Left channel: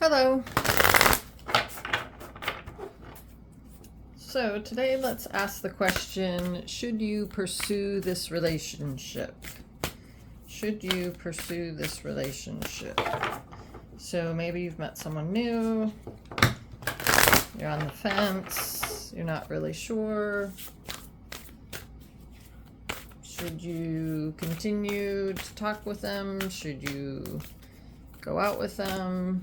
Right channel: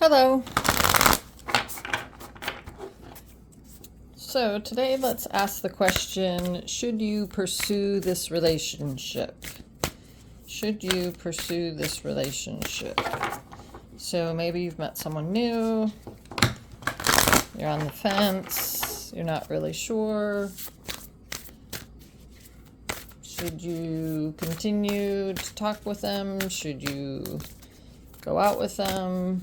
Hello. So today let's ask the question, should you pursue this relationship? Should you pursue this relationship? So maybe you've met someone new, you're on the fence, you're not really sure. Should you continue to talk with them? Should you go out with them?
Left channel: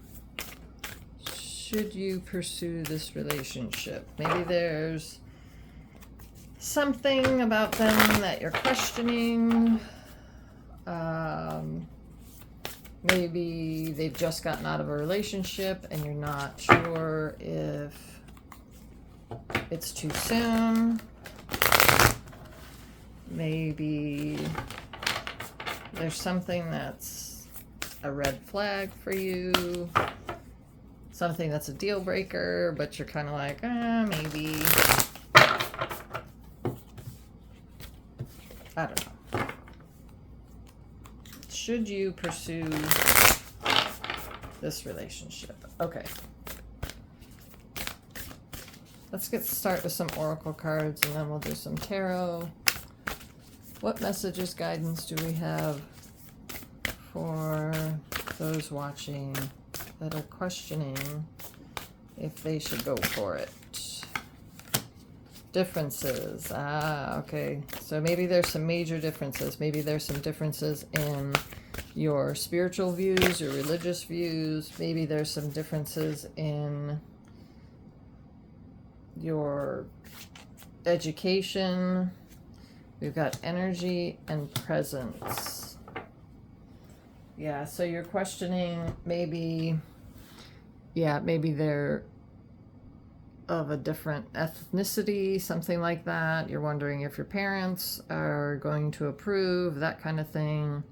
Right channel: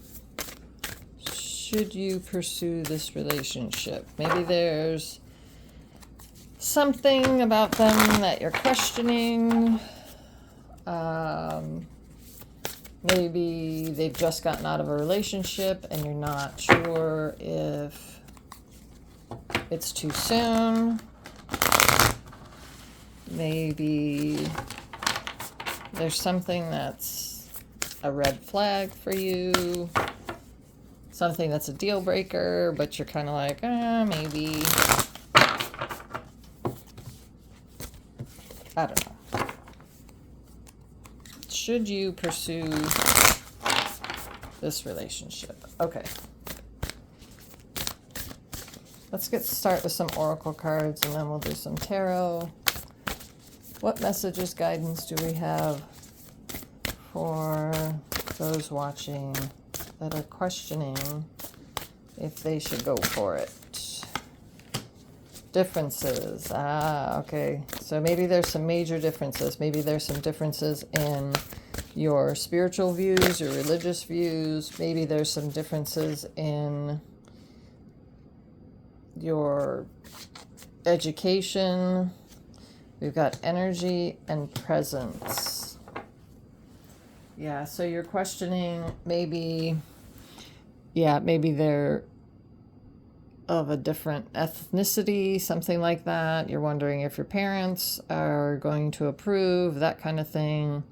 Should you pursue this relationship? Maybe there's something about them that you're questioning. Maybe they've just gotten out of a relationship and you're not sure if it's too soon. Maybe there's something that's a red flag for you. Something that's a deal breaker, but you're kind of like, maybe. I don't know. Should you pursue this relationship? Okay. Let's start with some oracle cards and then we'll do some tarot. What messages, guidance do we have for those watching that are questioning if they should go for it? Differences. Okay. So maybe there's some major differences. Maybe there's some differences in your spiritual views or religious views. Maybe there's some differences in your education. We've got energy and presence. Yeah, so you're questioning maybe they're of a different ethnicity, something like that. You're wondering if your parents are going to approve, that kind of thing.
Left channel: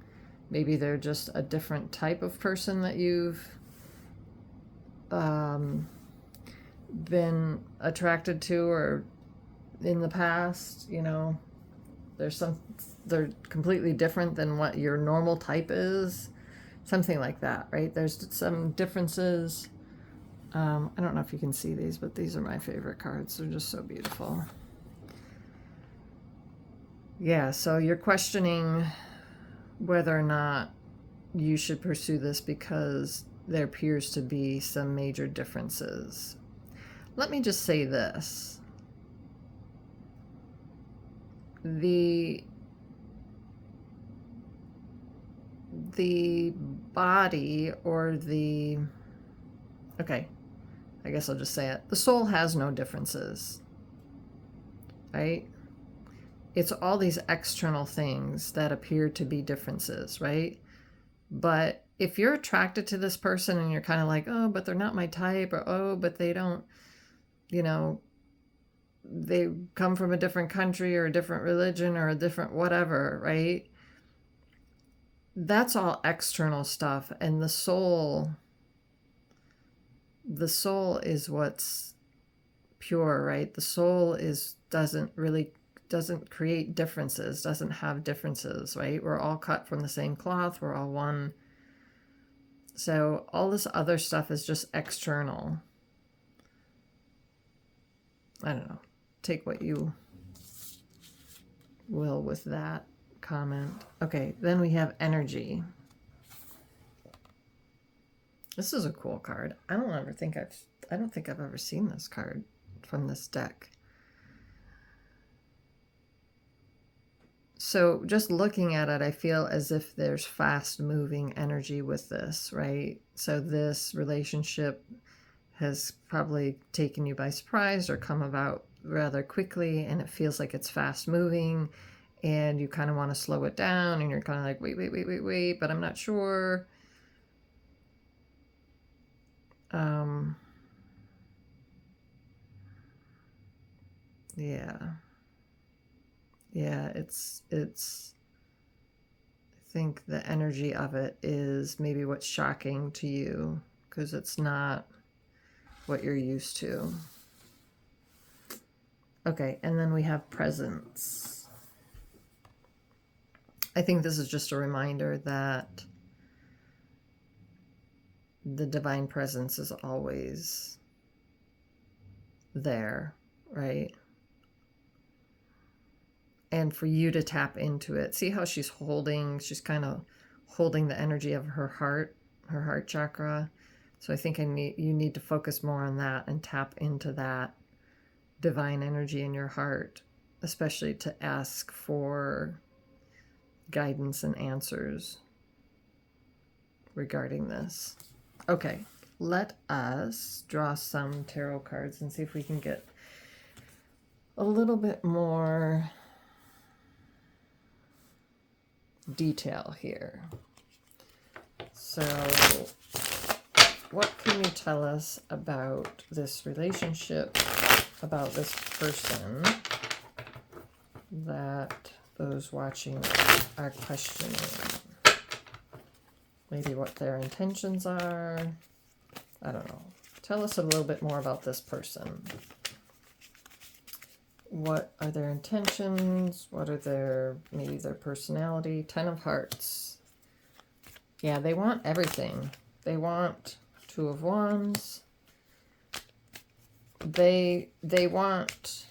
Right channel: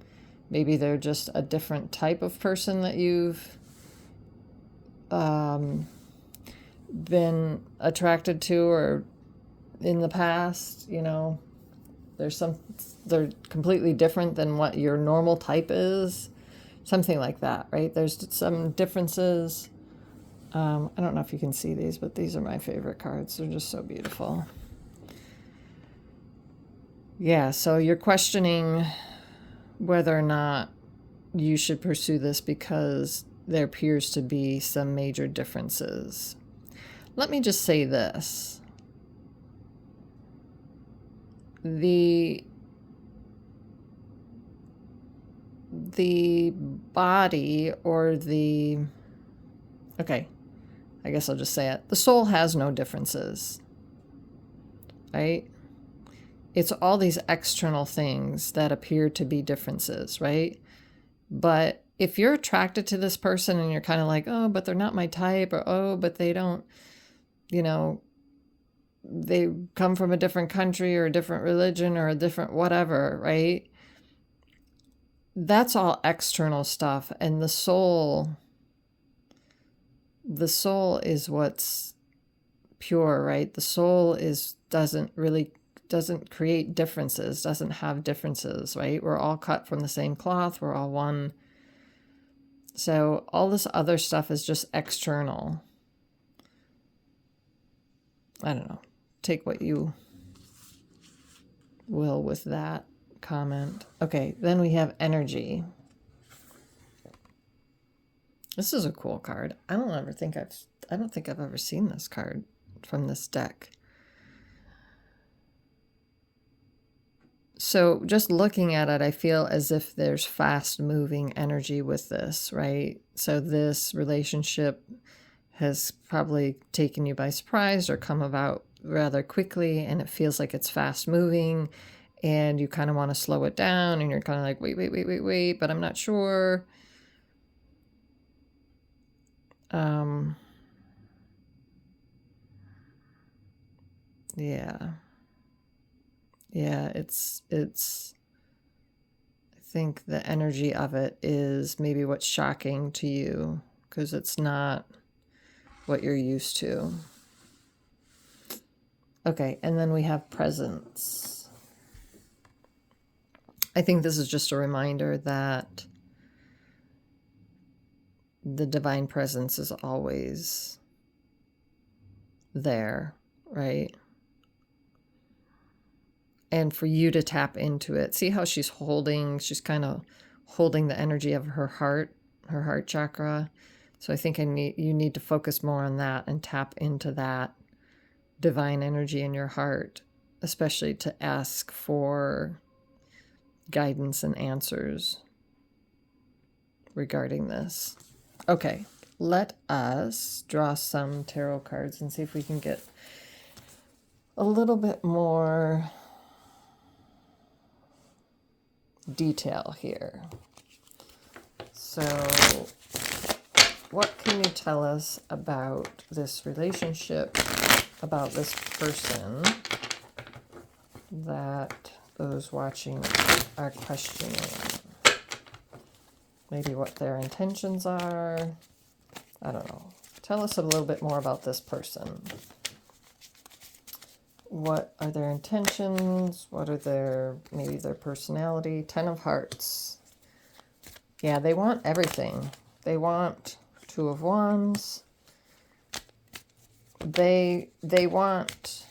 Maybe they're just a different type of person that you've been attracted to or in the past, they're completely different than what your normal type is. Something like that, right? There's some differences. I don't know if you can see these, but these are my favorite cards. They're just so beautiful. Yeah, so you're questioning whether or not you should pursue this because there appears to be some major differences. Let me just say this. The body or okay, I guess I'll just say it. The soul has no differences, right? It's all these external things that appear to be differences, right? But if you're attracted to this person and you're kind of like, oh, but they're not my type, or oh, but they don't, they come from a different country or a different religion or a different whatever, right? That's all external stuff. And the soul is what's pure, right? The soul doesn't create differences, doesn't have differences, right? We're all cut from the same cloth. We're all one. So all this other stuff is just external. I don't know. Take what you will with that comment. Okay, then we have energy. This is a cool card. I don't think I've ever seen this card from this deck. So just looking at it, I feel as if there's fast moving energy with this, right? So this relationship has probably taken you by surprise or come about rather quickly, and it feels like it's fast moving and you kind of want to slow it down and you're kind of like, wait, but I'm not sure. Yeah, it's I think the energy of it is maybe what's shocking to you because it's not what you're used to. Okay, and then we have presence. I think this is just a reminder that the divine presence is always there, right? And for you to tap into it. See how she's kind of holding the energy of her heart chakra. So I think you need to focus more on that and tap into that divine energy in your heart, especially to ask for guidance and answers regarding this. Okay, let us draw some tarot cards and see if we can get a little bit more detail here. So, what can you tell us about this relationship, about this person that those watching are questioning? Maybe what their intentions are. I don't know. Tell us a little bit more about this person. What are their intentions? What are maybe their personality? 10 of Hearts. Yeah, they want everything. They want 2 of Wands. They want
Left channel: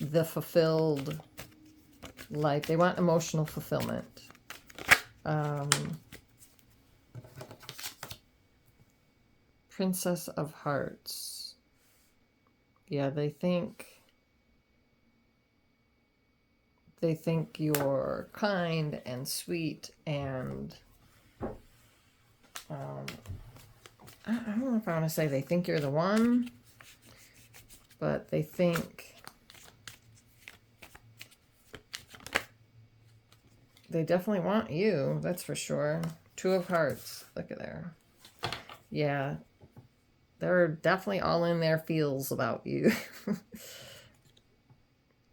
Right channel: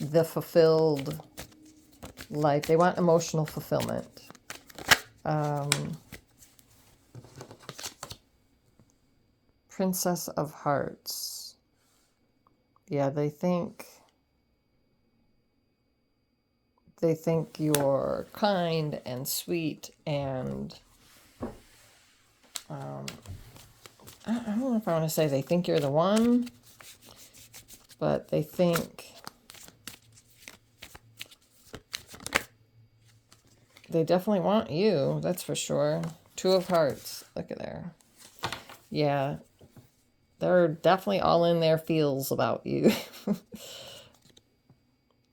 the fulfilled life. They want emotional fulfillment. Princess of Hearts. Yeah, they think you're kind and sweet and I don't know if I want to say they think you're the one, but they think they definitely want you, that's for sure. 2 of Hearts, look at there. Yeah, they're definitely all in their feels about you.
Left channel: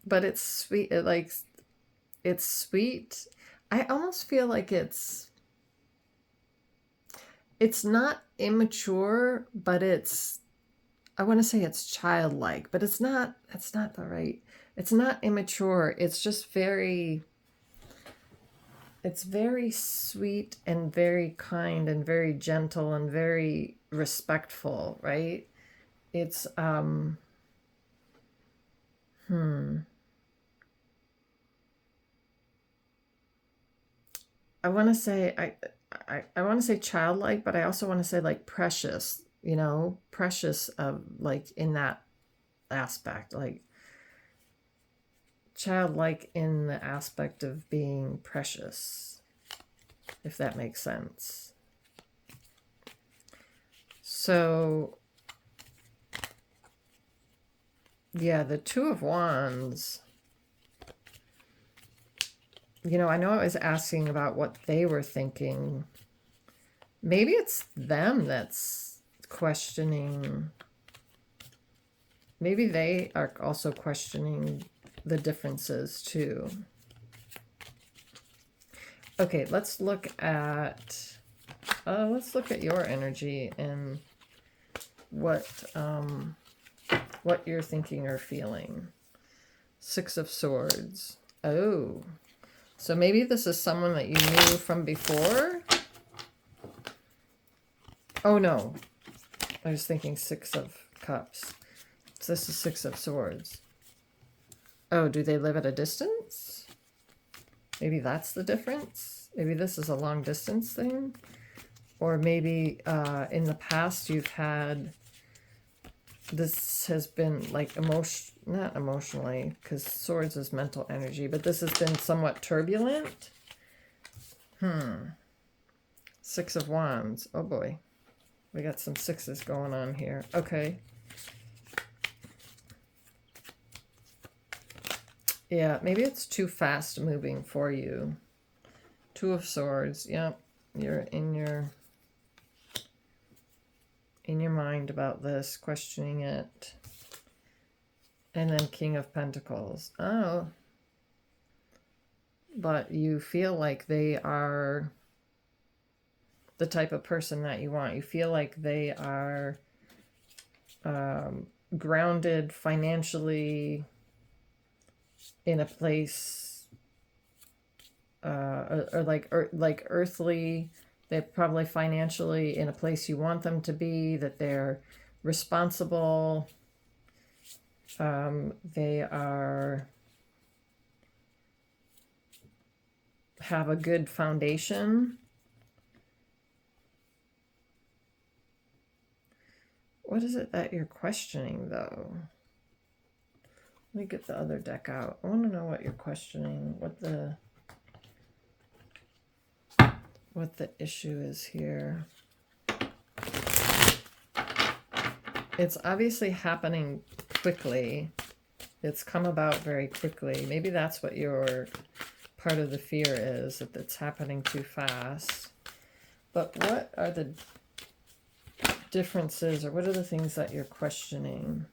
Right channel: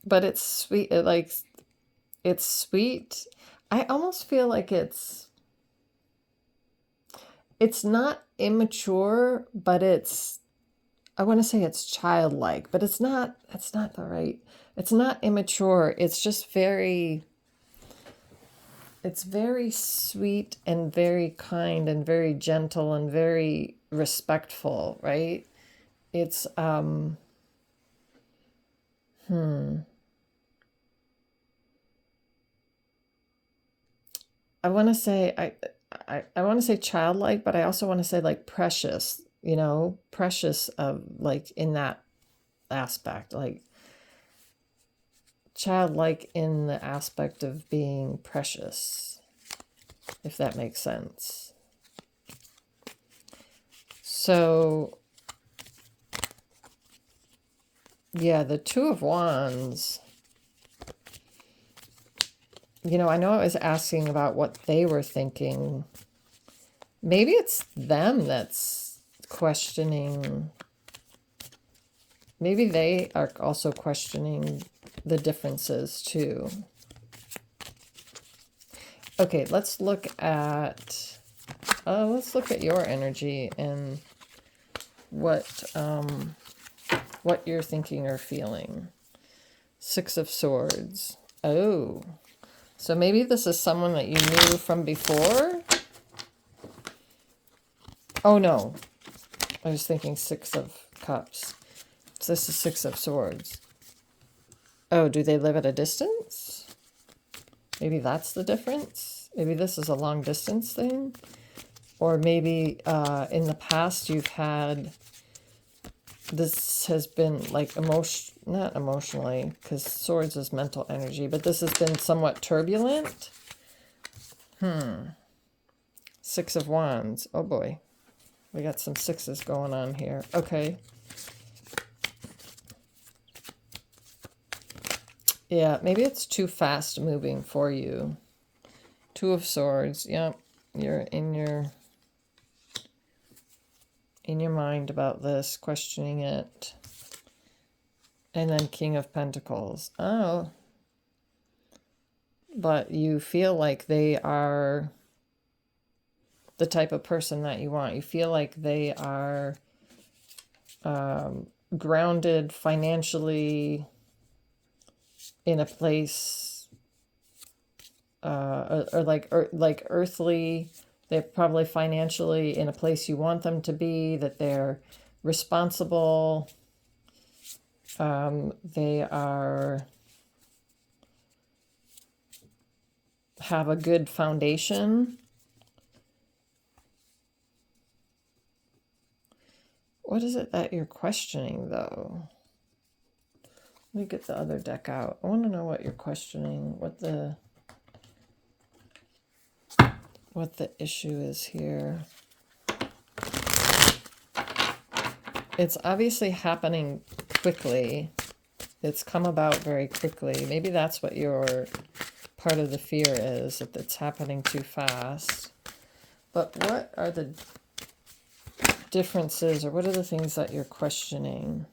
But it's sweet. It's sweet. I almost feel like it's not immature, but I want to say it's childlike, but it's not immature. It's just it's very sweet and very kind and very gentle and very respectful, right? It's I want to say I want to say childlike, but I also want to say like precious, precious of like in that aspect, like childlike in the aspect of being precious, if that makes sense. So yeah, the 2 of Wands. I know I was asking about what they were thinking. Maybe it's them that's questioning. Maybe they are also questioning the differences too. Okay, let's look at your energy and what you're thinking or feeling. 6 of Swords. Oh. So maybe this is someone that you knew from before? Oh, no. I was thinking 6 of Cups. So this is 6 of Swords. Oh, do they live at a distance? Maybe that's the difference. Maybe this is a long distance thing. Or maybe in the past you've had... This has been like not emotionally, because Swords is mental energy, but this has been somewhat turbulent. 6 of Wands. Oh boy. We got some 6s going on here. Okay. Yeah, maybe it's too fast moving for you. 2 of Swords. Yep. You're in your mind about this, questioning it. And then King of Pentacles. Oh. But you feel like they are the type of person that you want. You feel like they are grounded financially in a place or like earthly They're probably financially in a place you want them to be, that they're responsible. They have a good foundation. What is it that you're questioning, though? Let me get the other deck out. I want to know what you're questioning, what the issue is here. It's obviously happening quickly. It's come about very quickly. Maybe that's what your part of the fear is, that it's happening too fast. But what are the differences, or what are the things that you're questioning?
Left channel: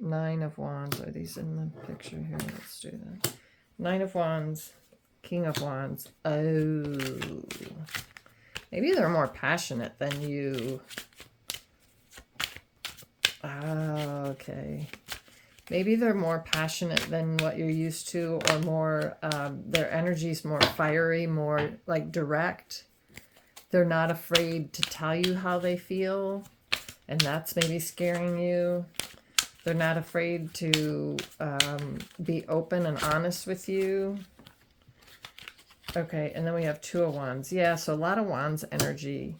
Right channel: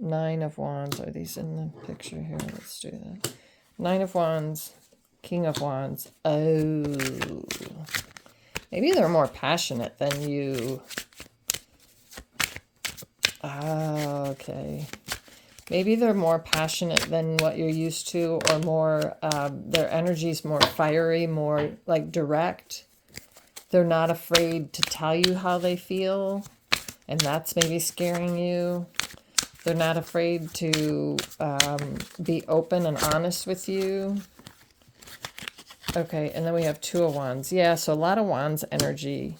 Nine of Wands. Are these in the picture here? Let's do that. Nine of Wands, King of Wands. Oh. Maybe they're more passionate than you. Oh, okay. Maybe they're more passionate than what you're used to, or more, their energy's more fiery, more like direct. They're not afraid to tell you how they feel, and that's maybe scaring you. They're not afraid to be open and honest with you. Okay, and then we have Two of Wands. Yeah, so a lot of Wands energy.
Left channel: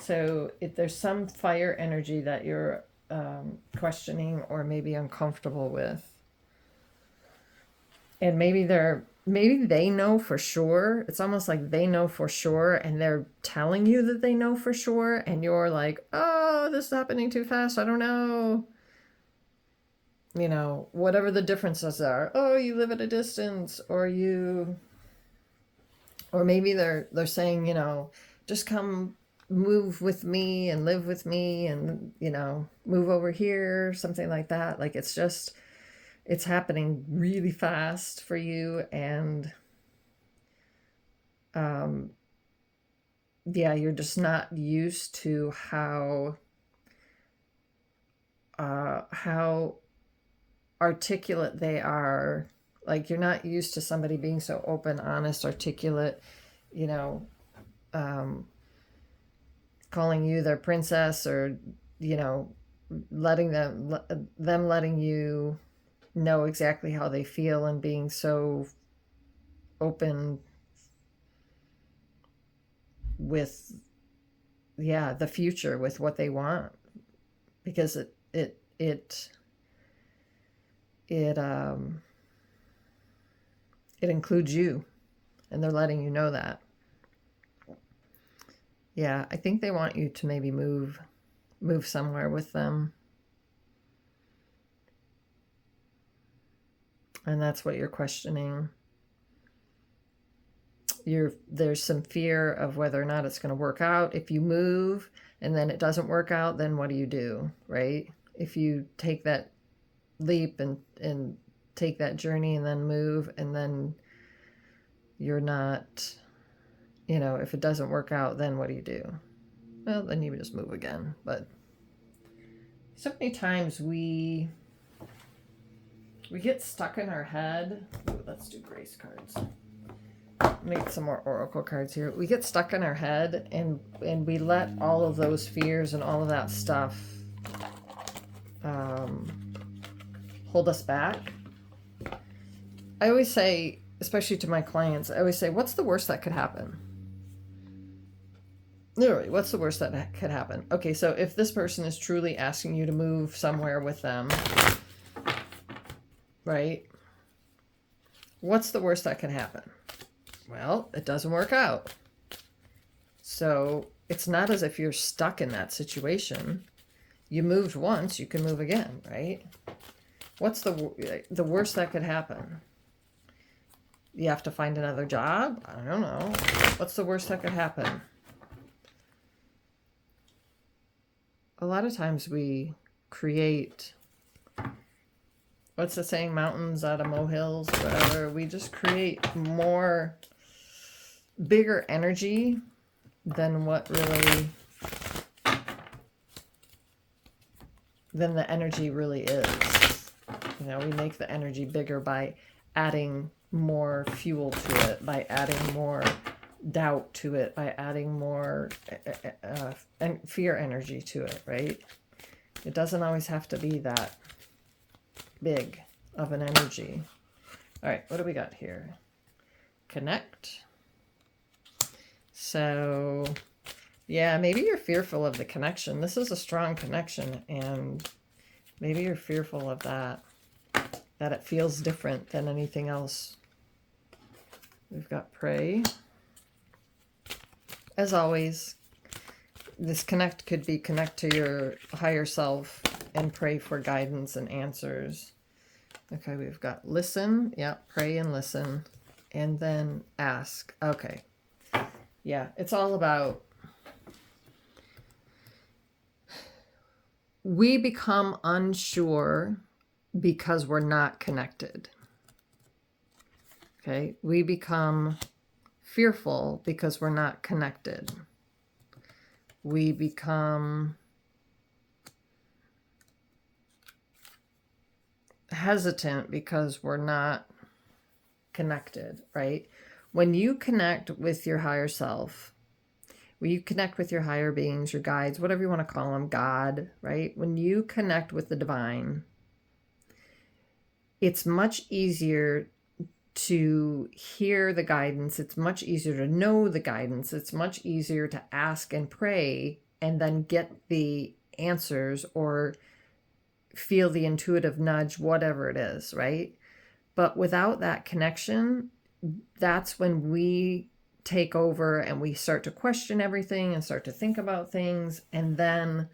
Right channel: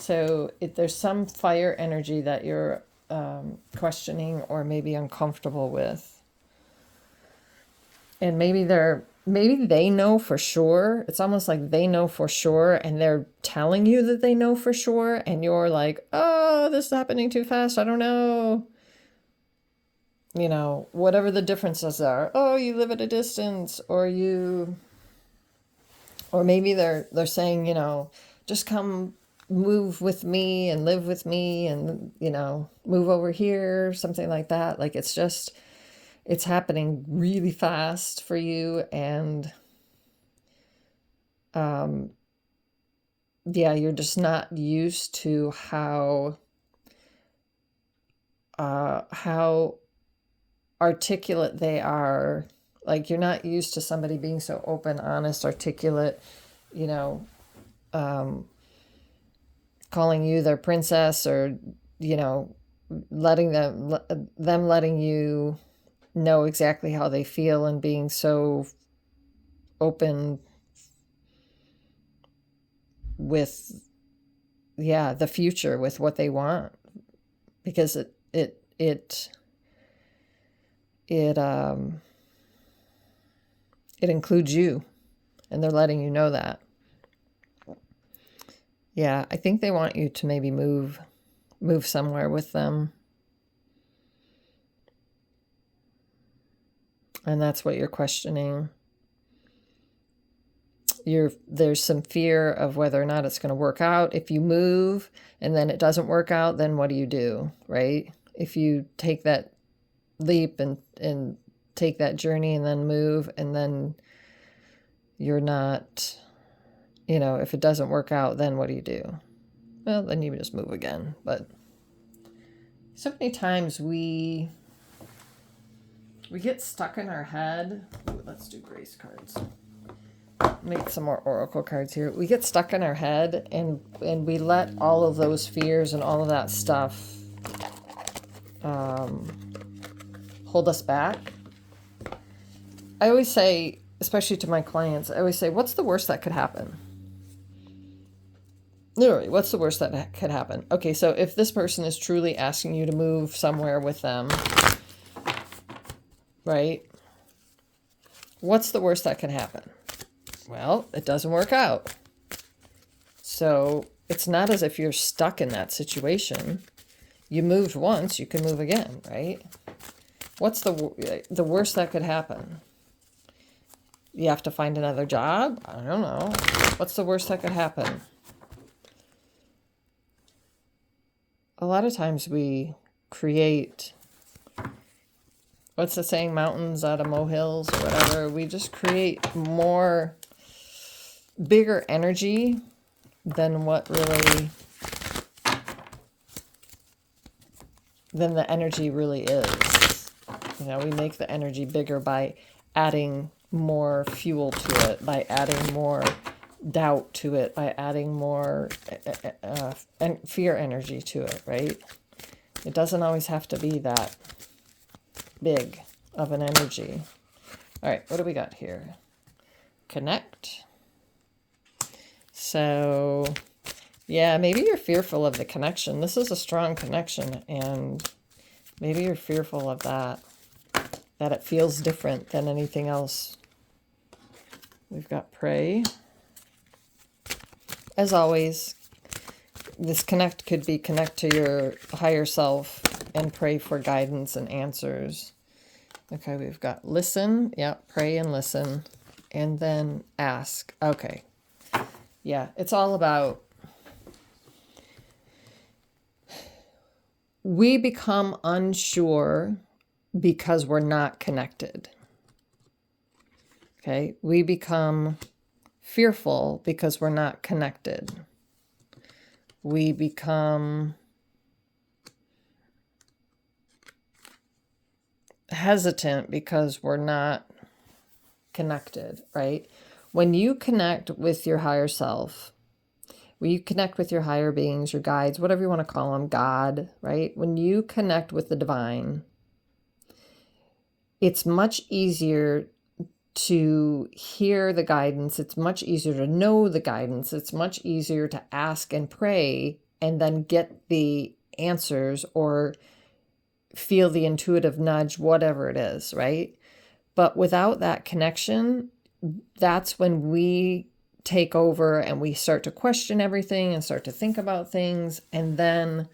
So if there's some fire energy that you're questioning or maybe uncomfortable with. And maybe they know for sure. It's almost like they know for sure, and they're telling you that they know for sure, and you're like, oh, this is happening too fast. I don't know. You know, whatever the differences are. Oh, you live at a distance, or maybe they're saying, you know, just come move with me and live with me, and, you know, move over here, something like that. Like, it's happening really fast for you. And yeah, you're just not used to how articulate they are. Like, you're not used to somebody being so open, honest, articulate, you know, calling you their princess, or, you know, letting them letting you know exactly how they feel, and being so open with, yeah, the future, with what they want, because it includes you, and they're letting you know that. Yeah, I think they want you to maybe move somewhere with them. And that's what you're questioning. There's some fear of whether or not it's going to work out. If you move and then it doesn't work out, then what do you do, right? If you take that leap and take that journey and then move, and then you're not, you know, if it doesn't work out, then what do you do? Well, then you just move again. But so many times we get stuck in our head. Ooh, let's do grace cards. Make some more oracle cards here. We get stuck in our head, and we let all of those fears and all of that stuff hold us back. I always say, especially to my clients, I always say, what's the worst that could happen? Literally, what's the worst that could happen? Okay, so if this person is truly asking you to move somewhere with them, right? What's the worst that can happen? Well, it doesn't work out. So it's not as if you're stuck in that situation. You moved once, you can move again, right? What's the worst that could happen? You have to find another job? I don't know. What's the worst that could happen? A lot of times we create, what's the saying, mountains out of molehills or whatever. We just create bigger energy than what really, than the energy really is. You know, we make the energy bigger by adding more fuel to it, by adding more doubt to it by adding more fear energy to it, right? It doesn't always have to be that big of an energy. All right, what do we got here? Connect. So, yeah, maybe you're fearful of the connection. This is a strong connection, and maybe you're fearful of that it feels different than anything else. We've got pray. As always, this connect could be connect to your higher self and pray for guidance and answers. Okay, we've got listen. Yeah, pray and listen. And then ask. Okay. Yeah, it's all about we become unsure because we're not connected. Okay, we become fearful because we're not connected. We become hesitant because we're not connected, right? When you connect with your higher self, when you connect with your higher beings, your guides, whatever you want to call them, God, right? When you connect with the divine, it's much easier to hear the guidance. It's much easier to know the guidance. It's much easier to ask and pray and then get the answers or feel the intuitive nudge, whatever it is, right? But without that connection, that's when we take over and we start to question everything and start to think about things. And then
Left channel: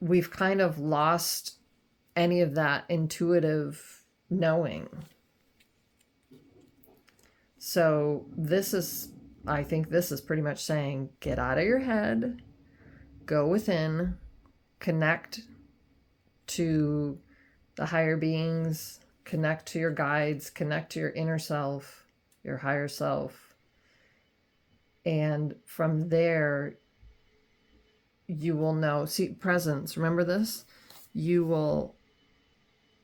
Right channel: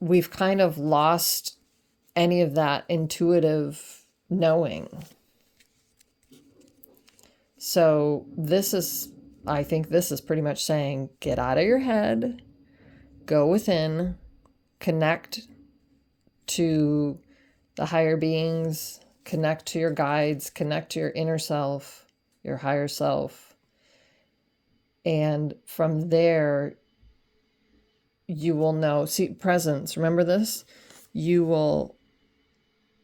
we've kind of lost any of that intuitive knowing. So I think this is pretty much saying, get out of your head, go within, connect to the higher beings, connect to your guides, connect to your inner self, your higher self. And from there, you will know, see, presence, remember this? You will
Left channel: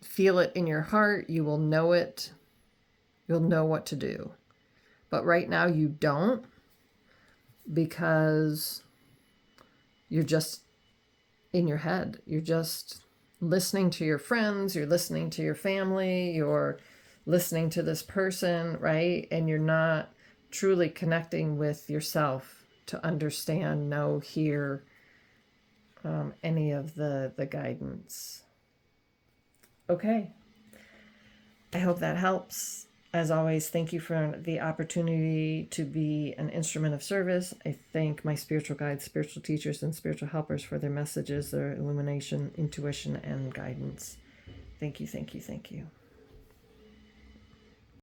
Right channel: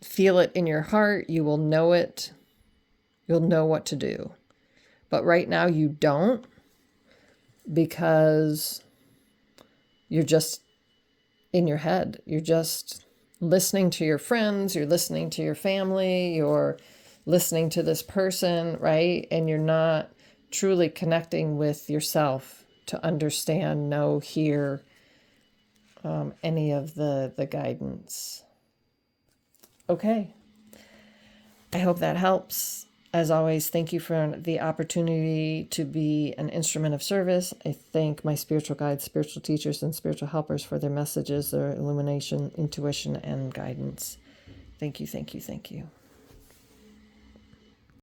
feel it in your heart. You will know it. You'll know what to do. But right now you don't, because you're just in your head. You're just listening to your friends. You're listening to your family. You're listening to this person, right? And you're not truly connecting with yourself to understand, know, hear any of the guidance. Okay. I hope that helps. As always, thank you for the opportunity to be an instrument of service. I thank my spiritual guides, spiritual teachers, and spiritual helpers for their messages, their illumination, intuition, and guidance. Thank you, thank you, thank you.